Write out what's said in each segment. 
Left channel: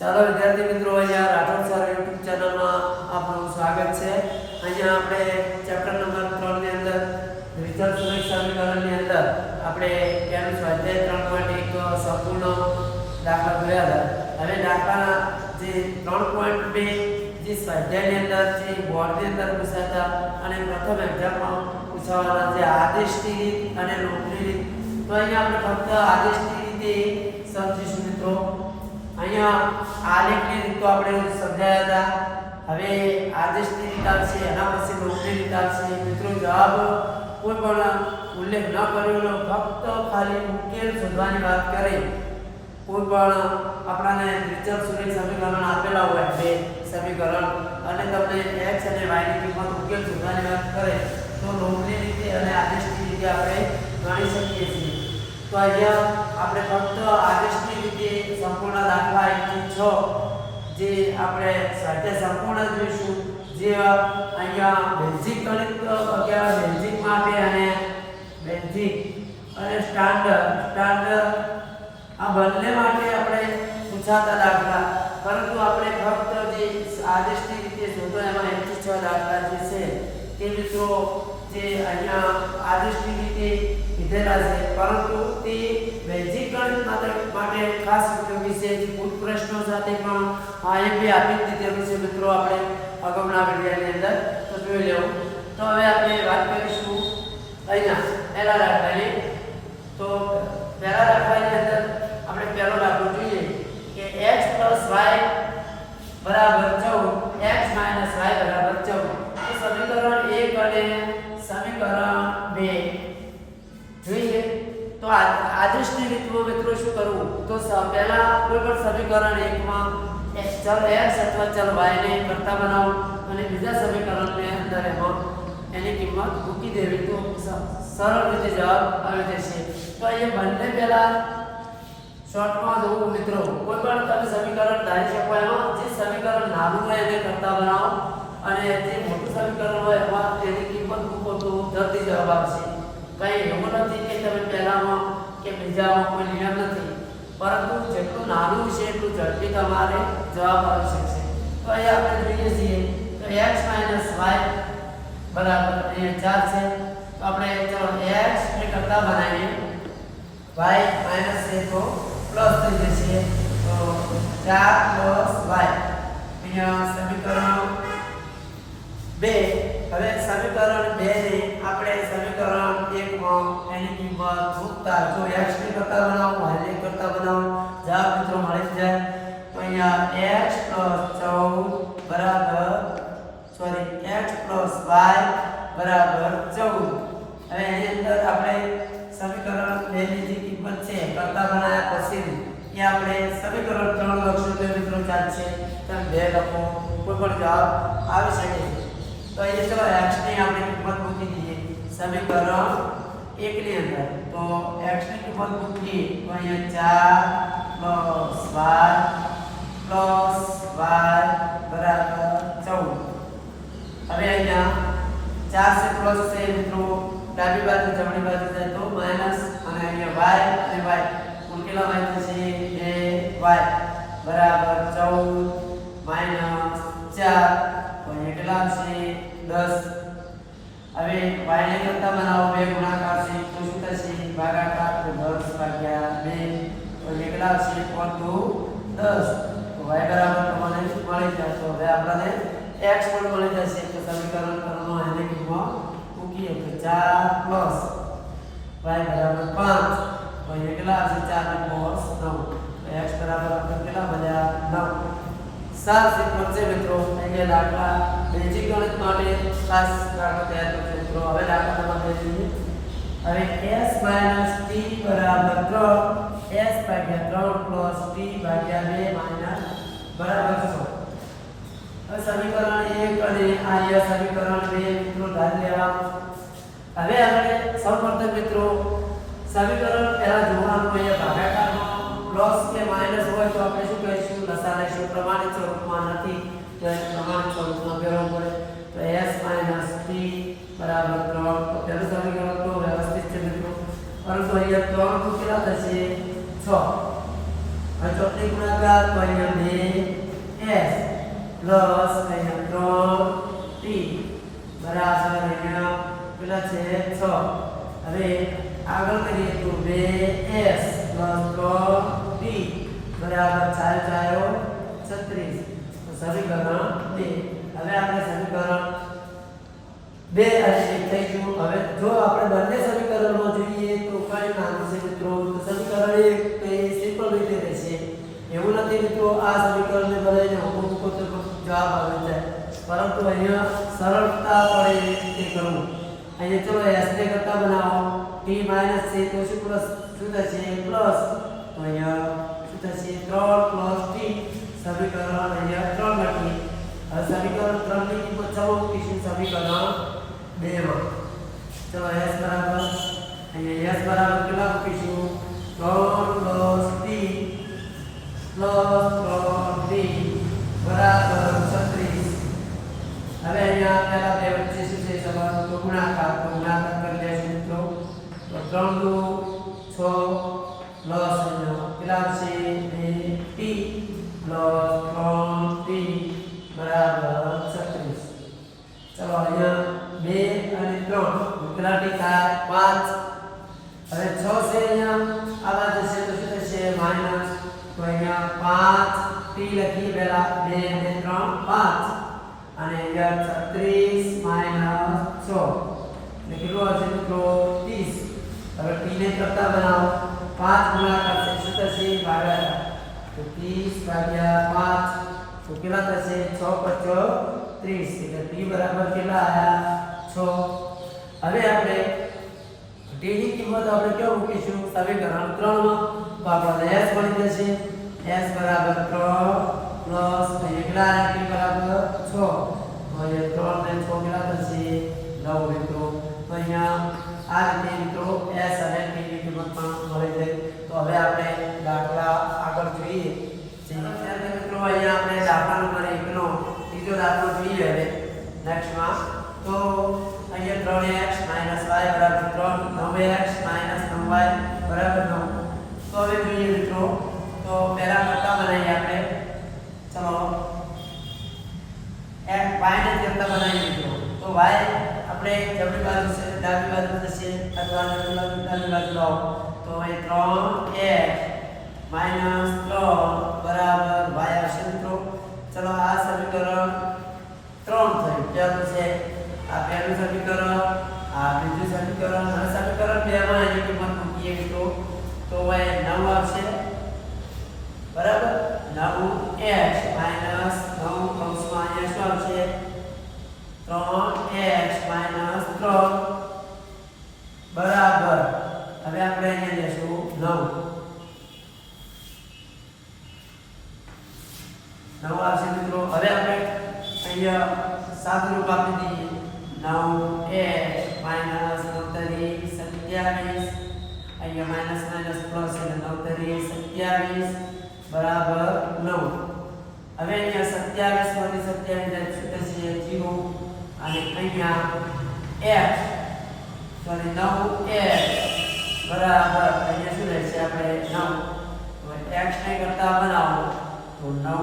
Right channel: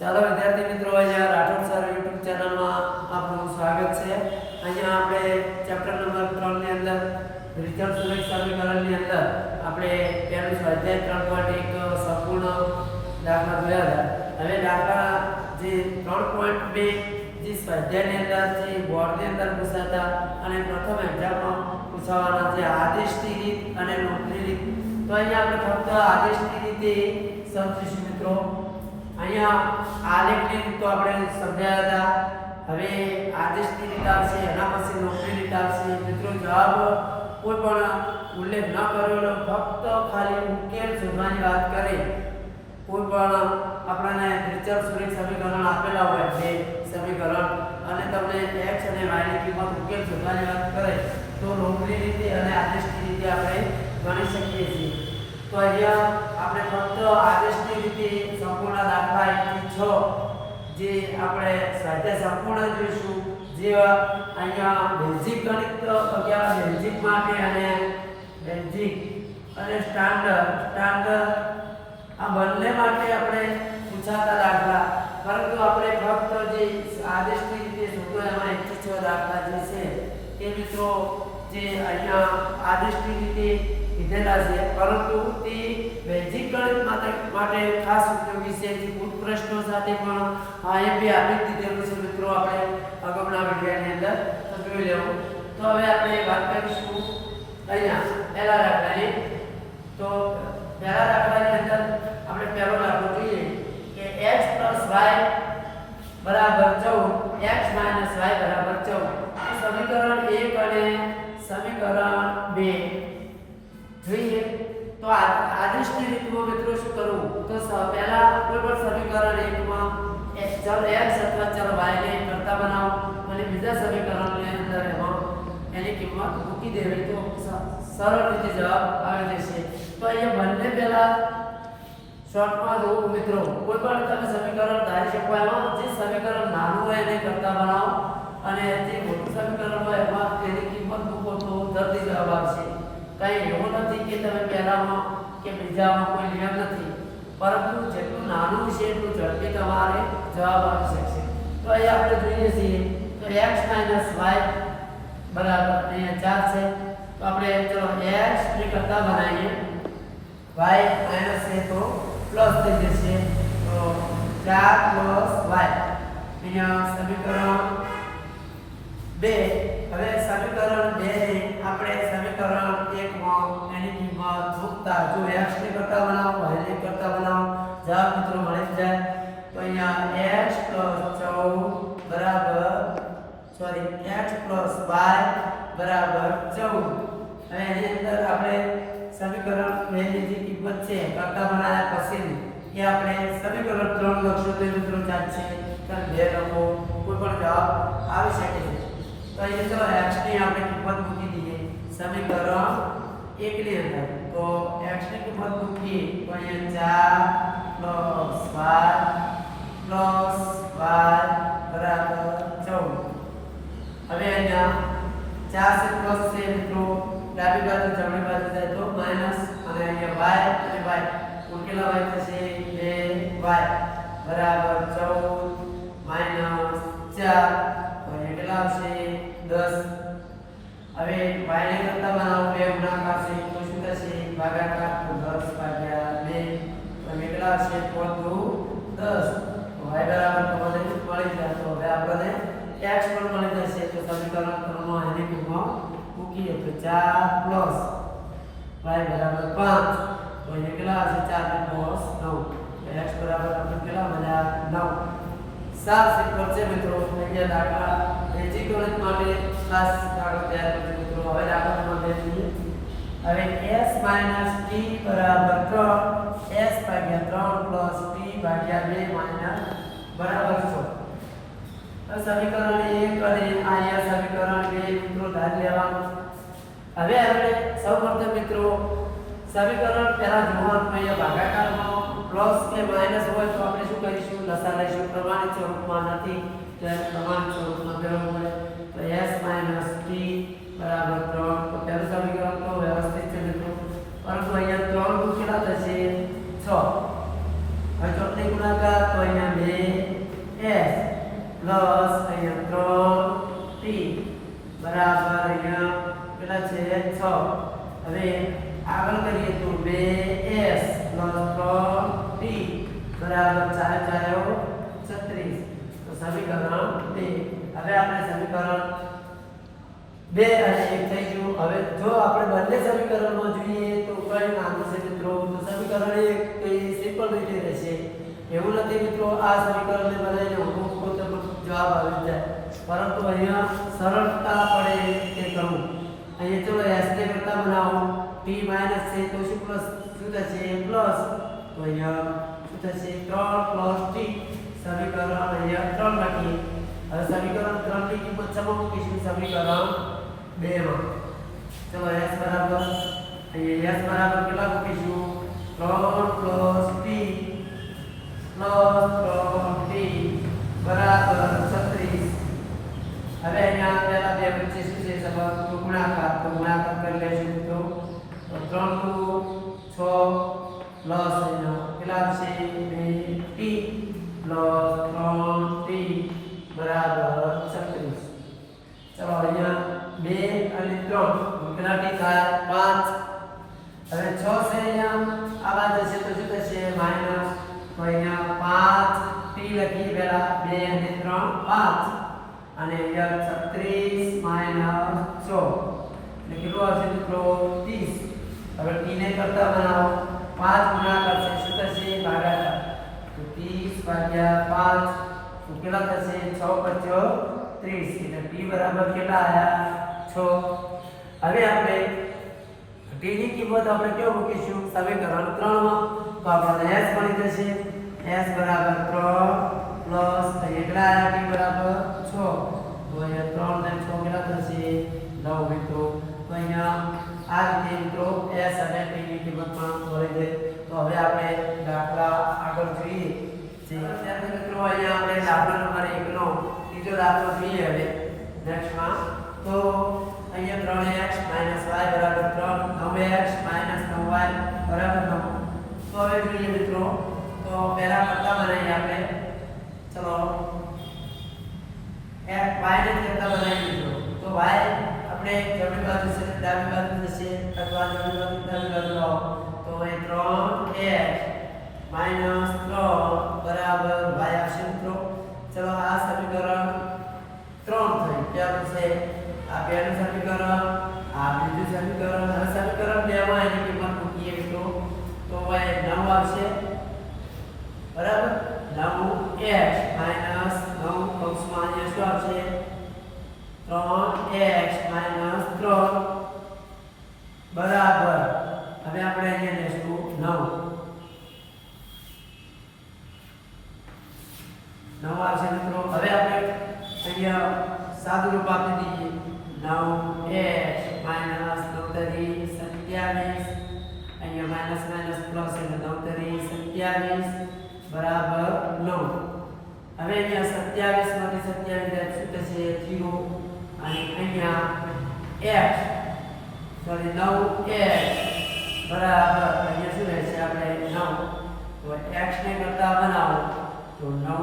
ચાલો, વિદ્યાર્થી મિત્રો અહીંયા રાઠોડ સર યુટ્યુબ ચેનલમાં આપનું સ્વાગત છે. અહીંયા આપણે ચેપ્ટર નંબર ત્રણની અંદર રિઝલ્ટ સુરેખ સમીકરણની અંદર આપણે પહેલું સ્વાધ્યાય ત્રણ પોઈન્ટ એક સંપૂર્ણ દાખલા જોયા હતા. હવે દાખલા જે ત્રણ પોઈન્ટ બે, જે સ્વાધ્યાયની અંદર, જે બોર્ડની અંદર પૂછાતા અને પ્રથમ એક્ઝામમાં પૂછાવાના જે આદેશની રીત અને નોકરી રીત. તો અહીંયા આપણે ફક્ત આદેશની રીતે સમજીશું મિત્રો. અહીંયા આલેખની રીત આપણે સમજાયા હતા. હવે આદેશની રીત આવશે, એના પછી લોભની રીત આવશે. મિત્રો, જવાબ કોઈ પણ ઉલ્લેખ ન કરેલો ફક્ત ખાલી ઉકેલ શોધવાની વાત કરે. કોઈ પણ આપણાને ફીચર સુધી સમીકરણ આપેલા હોય, બે સમીકરણ, અને તમને એક્સ અને વાયની કિંમત ઉકેલ શોધવાની વાત કરે, તો લોભની રીતે અને આદેશની રીતે આપણે ગણી શકીએ છીએ. તો અહીંયા આપણે ફક્ત આદેશની રીતે સંપૂર્ણ દાખલા એકથી છ, જે આપણે સાથે સંપૂર્ણ જોઈશું. જે અહીંયા બેઝિક કનેક્ટ અગિયાર બેઝિક માટે અને બેઝિક અને સ્ટાન્ડર્ડ. સ્ટાન્ડર્ડ આ બંને માટે આપણે પૂછાતા દાખલા. પરંતુ આપણે ફક્ત જે આદેશની રીતે શોધો, એમાં એકથી છ દાખલા જે છે. એ મિત્રો, જે અહીંયા આદેશની રીતે કીધેલા છે, પરંતુ તે બેઝિક ગણિત માટે ખાસ ઉપયોગી છે. જે ભૂત પ્રશ્નો સાથે પણ આઈએમપી આપી જ દીધેલું છે મિત્રો, આપણે અગાઉના વિડીયોની અંદર તો જોઈ લેવું. તો હવે આપણે વાત કરીશું અહીંયા પહેલા દાખલાની તો પહેલા દાખલાની અંદર આપણે પહેલો દાખલો જોઈએ કે એક્સ પ્લસ વાય બરાબર ચૌદ એક્સ માઇનસ વાય બરાબર 14 તો સમીકરણ એક અને સમીકરણ 2 જોઈએ. તો આ આદેશની રીતમાં મિત્રો શું કરવું તો પહેલા પણ સમીકરણ 1 માં x ચલ એક્સ અથવા ચલ વાયને કરતા બનાવો અને બીજા સમીકરણની અંદર એમાં એની કિંમત મૂકી દેવી. તો સરળ રીતે જવાબ આવી જશે. તો અહીંયા બંને પહેલા શોર્ટમાં જોવું મિત્રો. કોઈ પણ તમે સમીકરણ ધારી શકો એમાં. જે સમીકરણ નાનું હોય એને કરતા બનાવો. અને જે મોટું સમીકરણ હોય એમાં તેની કિંમત મૂકો તો જલ્દી જવાબ આવશે. કંઈ એવું નથી કે તમે પહેલામાં કે બીજામાં કોઈ નિયમ નથી. પરંતુ જેટલું નાનું છે એટલું ઝડપી તમારે જવાબ આવી શકશે. તો અહીંયા આપણે જોઈએ છીએ તો x y બરાબર અહીંયા ચાર છે. તો આપણે ચલો x ને કરતા બનાવીએ. y માઇનસ છે તો પ્લસ થઈ જશે. તો 4 પ્લસ y. અહીંયા સમીકરણ 2 હવે સમીકરણ 2 ને આપણે સમીકરણ 1 માં એની કિંમત મૂકતા જો x ને કરતા બનાવો, y ને કરતા બનાવો. જવાબ મિત્રો મળે જાય તો અહીંયા x 14 બરાબર સોરી x y બરાબર 14 હવે એની અંદર આપણે સમીકરણ 2 ની જે કિંમત છે કરતા બનાવ્યા પછી એ આપણે સમીકરણ 3 લખશું તો મિત્રો ચાલશે તમે 2 લખો, કોઈ પણ જવાબ આવી શકે છે. તો એ તો x ની આપણે કિંમત મૂકી દઈએ સમીકરણ 1 ની અંદર તો x ની કિંમત મૂકીએ તો અહીંયા 4 પ્લસ y પ્લસ y બરાબર 14 હવે અહીંયા ચાર છે પ્લસ છે મિત્રો ડાબી બાજુ જમણી બાજુ જાય તો માઇનસ અને અહીંયા y અને y કુલ કેટલા y થશે 2y બરાબર 14 માઇનસ 4 તો અહીંયા કેટલા આવશે 10 હવે y ને કરતા બનાવો બે ગુણાકાર છે તો શું થશે ભાગાકાર તો 10 ભાગ્યા 2 તો અહીંયા કેટલા આવશે 4 દુ 10 તો y બરાબર તમને મળી જાય તો હવે આપણને x પણ મળી જશે તો સમીકરણ ત્રણમાં એની કિંમત મૂકીએ તો 4 પ્લસ y બરાબર 5 તો એ કેટલા હશે 4 ને cos 9 તો x બરાબર આપણે કેટલા મળ્યા 9 સાત સિક્કો છે મિત્રો અહીંયા દાખલા બેઝિક ગણિત માટે ખાસ દાખલો તૈયાર કરજો મિત્રો હવે દાખલો બે જોઈએ હવે s t બરાબર 3 s ભાગ્યા 3 t ભાગ્યા 2 માઇનસ બરાબર 100 હવે સમીકરણ 1 અને અહીંયા સમીકરણ 2 મિત્રો ધારી લેવાનું. હવે આપણે સૌપ્રથમ મિત્રો સમીકરણ પહેલા જોવાનું અહીંયા ભાગાકારનો પ્લસ કે માઇનસ હોય તો આપણે શું કહીશું લસા લઈશું પ્રમાણિત સ્વરૂપમાં નથી. તો એને સ્વરૂપમાં ફેરવવું પડે. તો એસ માઇનસ ટી બરાબર ત્રણ. તો પહેલું સમીકરણ તો વ્યવસ્થિત છે મિત્રો. પરંતુ અહીંયા ત્રણ કેટલા થશે છ. હવે ચોકડી ગુણાકાર, તો અહીંયા બે એસ પ્લસ અહીંયા ત્રણ ટી બરાબર અહીંયા કેટલા છે છ. હવે આગળ કરીએ તો બે એસ પ્લસ ત્રણ ટી બરાબર ચાર ચારો, છત્રીસ. સમીકરણ બે હવે આપણે સમીકરણ બે અને એક થઈ ગયું. હવે જો આપણે બંને સમીકરણો જોઈએ, તો નામ છે મિત્રો. તો સમીકરણ એક એ સિમ્પલ રીતે રહેશે. એવું નથી મિત્રો, આ સમીકરણને બનાવીને હું મૂકો તો જવાબ આવી જાય. પરંતુ અહીંયા સરળતા પડે તે કરવું. અહીંયા ચલો એસ ને કરતા બનાવો. ટી માઇનસ છે તો શું પ્લસ શું થશે? પ્લસ તો અહીંયા શું થશે? ત્રણ પ્લસ t. સમીકરણ અહીંયા ત્રણ લખીએ હવે સમીકરણ ત્રણની કિંમત સમા મૂકીશું. સમીકરણ 2 માં. ચલો એસ બરાબર. અહીંયા એસ બરાબર કેટલા મૂકીશું? ત્રણ પ્લસ ટી પ્લસ ત્રણ ટી બરાબર 36 હવે અહીંયા પહેલા બે વચ્ચે શું છે? સંબંધ તો ગુણાકાર. તો ગુણાકાર કરી લેશું તો 3 કેટલા ટી થાય 5 હવે 6 છે અહીંયા આ બાજુ છે તો શું થશે માઇનસ તો અહીંયા 5 t લખીએ પહેલા 2 અને 3 5 અને અહીંયા 36 માઇનસ 6 એટલે કેટલું આવશે મિત્રો 30 હવે t ને કરતા બનાવો 5 ગુણાકાર છે શું થશે ભાગાકાર તો 30 ભાગ્યા 5 તો કેટલા થશે 6 પચો 30 એટલે t બરાબર કેટલા આવ્યા 6 હવે આપણે t ની કિંમત આપણે કેવું મૂકીશું? સમીકરણ 3 માં તો આપણને s મળી જશે. S બરાબર 3 પ્લસ એકલા t બરાબર 6 તો અહીંયા 3 ને 6 કેટલા થશે? 9 મિત્રો. તો અહીંયા આ રીતે મિત્રો s અને t ની કિંમત પણ મળી જાય તો હવે આપણે દાખલા આગળ જોઈએ. વિદ્યાર્થી મિત્રો અહીંયા આપણે દાખલા નંબર 1 નો ત્રીજો દાખલો જોઈએ હવે. નેક્સ્ટમાં તો અહીંયા 3x y બરાબર 3 9x 9y બરાબર 9 તો હવે જોઈએ મિત્રો તો પહેલા કરતા બનાવીએ આપણે ચલો x y ને કરતા બનાવી દીધો તો y આપણે જમણી બાજુ છે ડાબી બાજુ જશે અથવા જમણી બાજુ ડાબી બાજુ લાવો તો એ 3x માઇનસ 3 બરાબર y આવશે મિત્રો ચલો આ સમીકરણ 3 થયું ત્યાર પછી આ પહેલું સમીકરણ, આ બીજું સમીકરણ હવે સમીકરણ 2 માં એની કિંમત મૂકીએ તો તો y નવ આવશે બરાબર 9x માઇનસ 9 કૌંસમાં અહીંયા શું આવશે 3x માઇનસ 3 બરાબર હવે આપણે અહીંયા લેશું 9 નવ આવશે મિત્રો હવે આપણે અહીંયા સાદું રૂપ આપી દઈએ નવ એચ માઇનસ નવ તરી સત્યાવીસ અહીંયા માઇનસ માઇનસ પ્લસ એટલે નવ તરી સત્યાવીસ બરાબર નવ હવે અહીંયા સત્યાવીસમાંથી સત્યાવીસ થશે જીરો અને અહીંયા એચ સોરી નવ એચ બરાબર અહીંયા શું રહેશે આપણે નવ તો એચ ને કરતા બનાવો તો નવ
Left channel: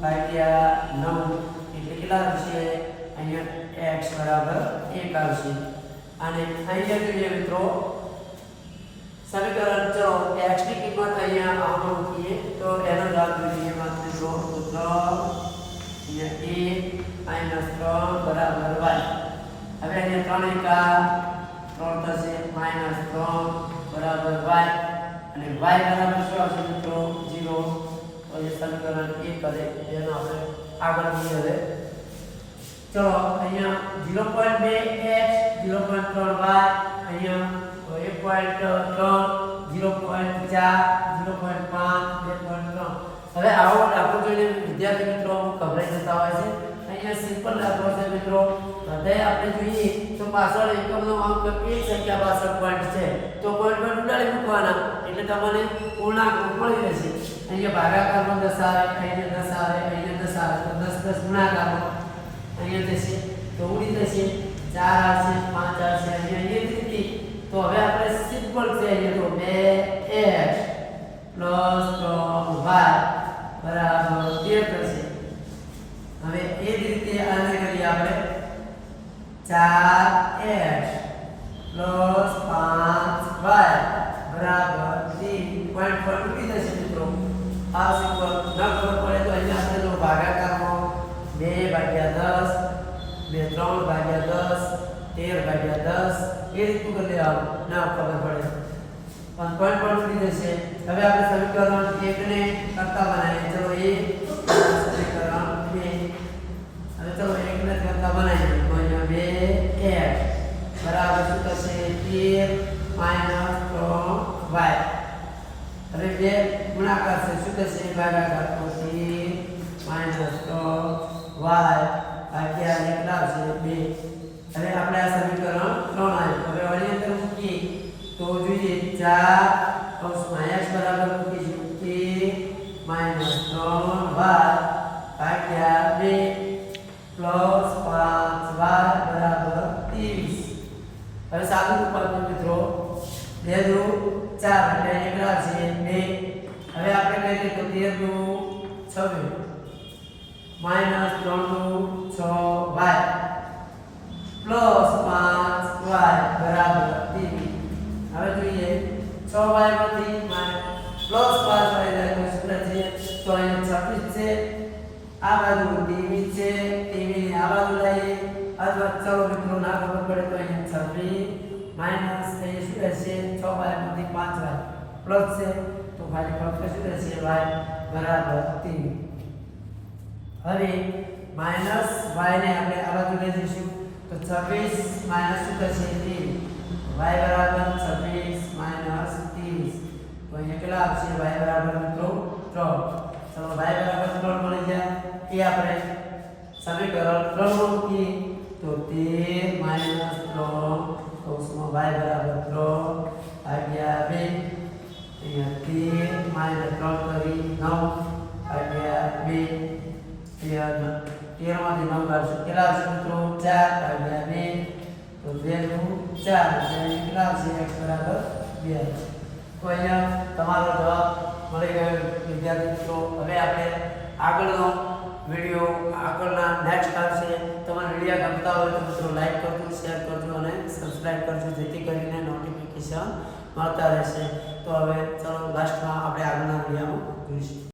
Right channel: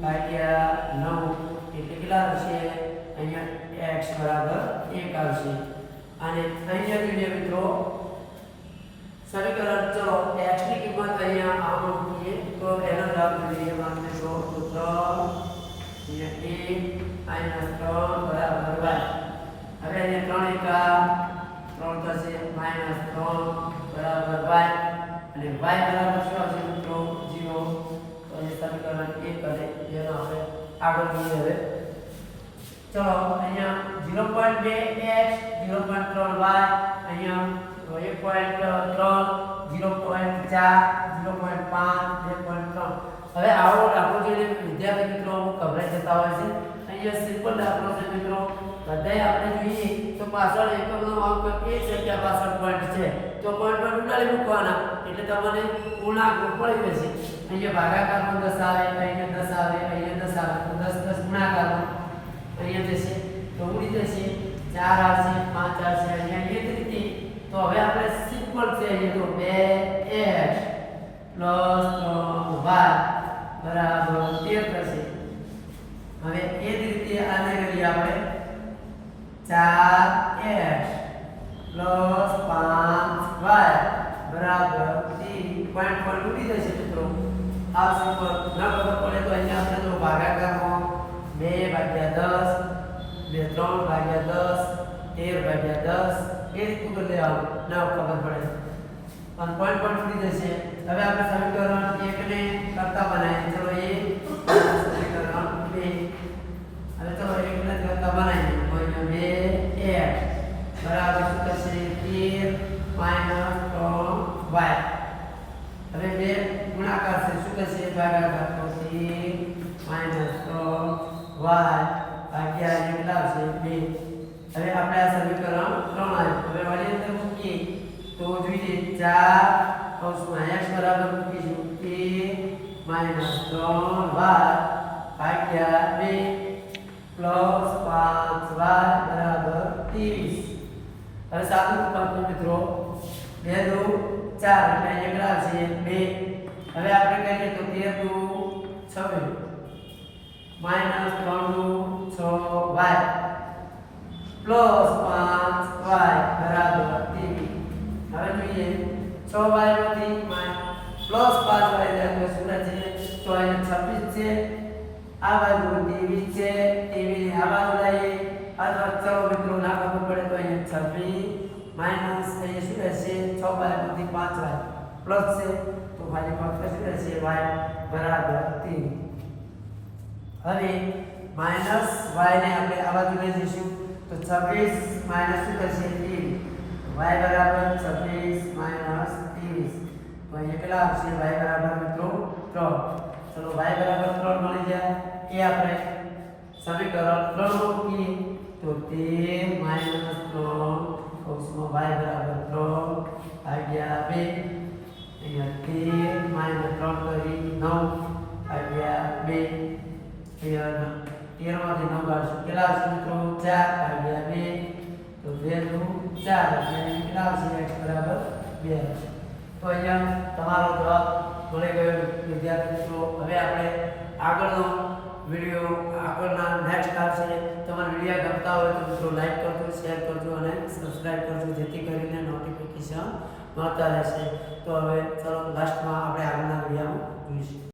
ભાગ્યા નવ એટલે કેટલા આવશે અહીંયા x બરાબર 1 આવશે. અને અહીંયા કરીએ મિત્રો, સમીકરણ ચલો, x ની કિંમત અહીંયા આમ મૂકીએ. તો એનો જવાબ જોઈએ માં જો તો 3 અહીંયા 1 3 બરાબર y હવે અહીંયા 3 એકા 3 થશે, માઇનસ 3 બરાબર y અને y બરાબર શું આવશે મિત્રો? 0 તો જે સમીકરણ એક કરે. જેનો આપણે આગળ જઈએ હવે. ચલો, અહીંયા 0.2x 0.3y અહીંયા 1.3 0.4 0.5 2.3 હવે આવો દાખલો જોઈને વિદ્યાર્થી મિત્રો ગભરાઈ જતા હોય છે. અહીંયા સિમ્પલ દાખલો છે મિત્રો. બધાય આપણે જોઈએ તો પાછળ એક બધો અંક એક સંખ્યા પાછળ પોઈન્ટ છે. તો પોઈન્ટ પર ઉડાડી મૂકવાના. એટલે તમને પૂર્ણાંક મળી રહેશે. અહીંયા ભાગાકારમાં દસ આવે અહીંયા દસ આવે અહીંયા દસ આવે તો દસ દસ ગુણાકારમાં અહીંયા જશે તો ઉડી જશે ચાર આવશે પાંચ આવશે અહીંયા એ જ રીતે. તો હવે આપણે સિમ્પલ છે, અહીંયા તો બે એચ પ્લસ ત્રણ વાય બરાબર તેર થશે હવે એ જ રીતે આને કરીએ આપણે. ચાર એક્સ પ્લસ પાંચ વાય. બરાબર ત્રીસ પોઈન્ટ પર તૂટી જશે મિત્રો. આ સિમ્પલ ન ખબર પડે તો અહીંયા આપણે જો ભાગાકારમાં બે ભાગ્યા દસ બે ત્રણ ભાગ્યા દસ તેર ભાગ્યા દસ એ રીતનું કરી લેવાનું ના ખબર પડે પણ પોઈન્ટ પણ તૂટી જશે હવે આપણે સમીકરણ એકને કરતા બનાવીએ ચલો એ સમીકરણ બે હવે ચલો એકને કરતા બનાવીએ તો અહીંયા બે એક બરાબર શું થશે તેર માઇનસ ત્રણ વાય હવે બે ગુણાકાર છે શું થશે ભાગાકાર તો તેર માઇનસ ત્રણ વાય ભાગ્યા કેટલા આવશે બે. હવે આપણે આ સમીકરણ ત્રણ આવ્યું. હવે વળી અંદર મૂકીએ. તો જોઈએ ચાર કૌંસમાં x બરાબર મૂકીશું. તેર માઇનસ ત્રણ વાય ભાગ્યા બે પ્લસ પાંચ વાય બરાબર ત્રીસ હવે સાદું રૂપાંતર મિત્રો. બે દુ ચાર, એટલે કેટલા છે બે. હવે આપણે કહીએ તો તેર દુ છવ્વીસ. માઇનસ ત્રણનું છ વાય. પ્લસ પાંચ વાય બરાબર ત્રીસ હવે જોઈએ. છ વાયમાંથી પ્લસ પાંચ વાય જાય તો શું છે? તો અહીંયા છવ્વીસ છે. આ બાજુ ત્રેવીસ છે. ટીવી આ બાજુ લઈએ. અથવા ચલો મિત્રો, ના ખબર પડે તો અહીંયા છવ્વીસ માઇનસ અહીંયા શું રહેશે? છ વાયમાંથી પાંચ વાય. પ્લસ છે. તો ભાઈ પ્લસ શું રહેશે? વાય બરાબર ત્રીસ હવે માઇનસ વાયને આપણે આ લઈ જઈશું. તો છવ્વીસ માઇનસ શું થશે ત્રીસ. વાય બરાબર છવ્વીસ માઇનસ ત્રીસ. તો અહીંયા કેટલા આપશે વાય બરાબર મિત્રો ત્રણ. ચલો વાય બરાબર ત્રણ મળી ગયા. એ આપણે સમીકરણ ત્રણમાં મૂકીએ. તો તેર માઇનસ ત્રણ કૌંસમાં વાય બરાબર ત્રણ ભાગ્યા બે. અહીંયા તેર માઇનસ ત્રણ કરી નવ ભાગ્યા બે. અહીંયા તેરમાંથી નવ કાઢશું કેટલા આવશે મિત્રો? ચાર ભાગ્યા બે તો બે ચાર એટલે કેટલા આવશે? x બરાબર બે તો અહીંયા તમારો જવાબ મળી ગયો વિદ્યાર્થી મિત્રો હવે આપણે આગળનો વીડિયો આગળના નેક્સ્ટ આવશે તમારા વીડિયો ગમતા હોય તો મિત્રો લાઈક કરજો શેર કરજો અને સબસ્ક્રાઈબ કરજો, જેથી કરીને નોટિફિકેશન મળતા રહેશે. તો હવે ચલો લાસ્ટમાં આપણે આગળના વિડીયોમાં જોઈશું.